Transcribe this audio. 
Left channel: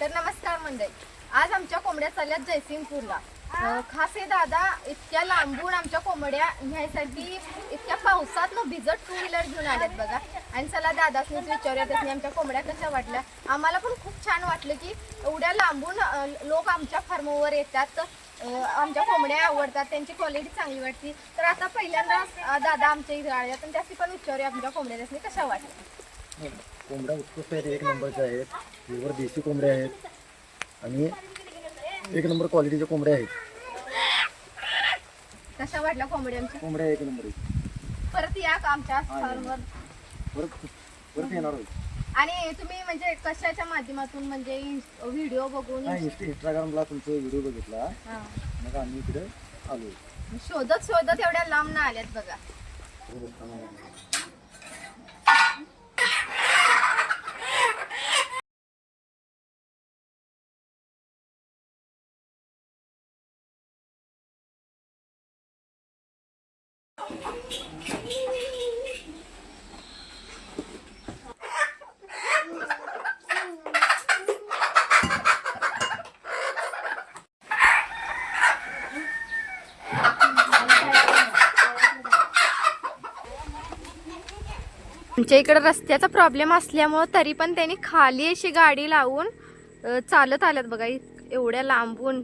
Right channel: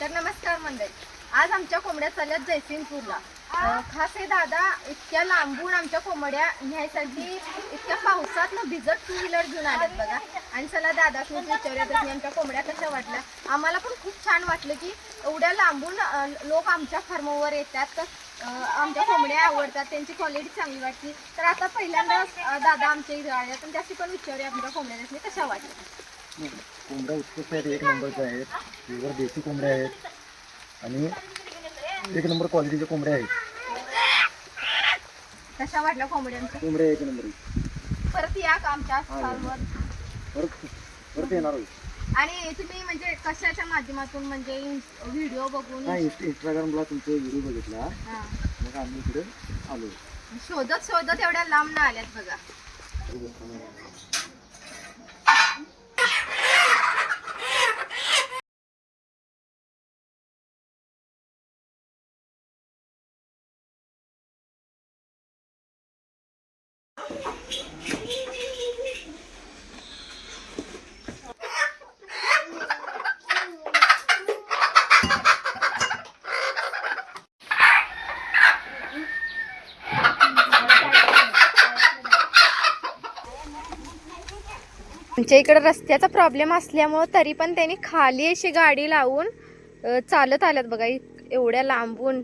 तर नमस्कार मंडळी, आज आमच्या कोंबड्या चालल्यात जयसिंगपूरला. खास हे दादा इतक्या लांबून आमच्या कोंबड्या न्यायसाठी इतक्या पावसात भिजत 2 व्हीलर घेऊन आल्यात बघा. आणि चला दादासनी विचारूयात आमच्या कोंबड्या कशा वाटल्या. आम्हाला पण खूप छान वाटलं की एवढ्या लांबून लोक आमच्या फार्मवर येतात. आमच्या कोंबड्या आवडतात, त्यांची क्वालिटी चांगली वाटते. तर आता पहिल्यांदा दादा आमच्या इथे आले, तर त्याची पण विचारूया आमच्या कोंबड्या कशा वाटल्या. कोंबड्या उत्कृष्ट आहेत, 1 नंबरच्या आहेत. प्युअर देशी कोंबड्या आहेत आणि 1 नंबर क्वालिटीच्या कोंबड्या आहेत. कशा वाटल्या कोंबड्यांच्या? कोंबड्या 1 नंबर आहेत. परत या का आमच्या फार्मवर? परत येणार आहे. आणि तुम्ही म्हणजे कशाच्या माध्यमातून, म्हणजे व्हिडिओ बघून? इंस्टाग्रामला तुमचे व्हिडिओ बघितला, मग आम्ही इकडे आलो. शोधत शोधत एवढ्या लांब ना आल्यात बघा. आमच्या इकडे रस्त्याचा प्रॉब्लेम असल्यामुळे तरी पण त्यांनी खाली अशी गाडी लावून चालत आल्यात बघा एवढ्या लांबून.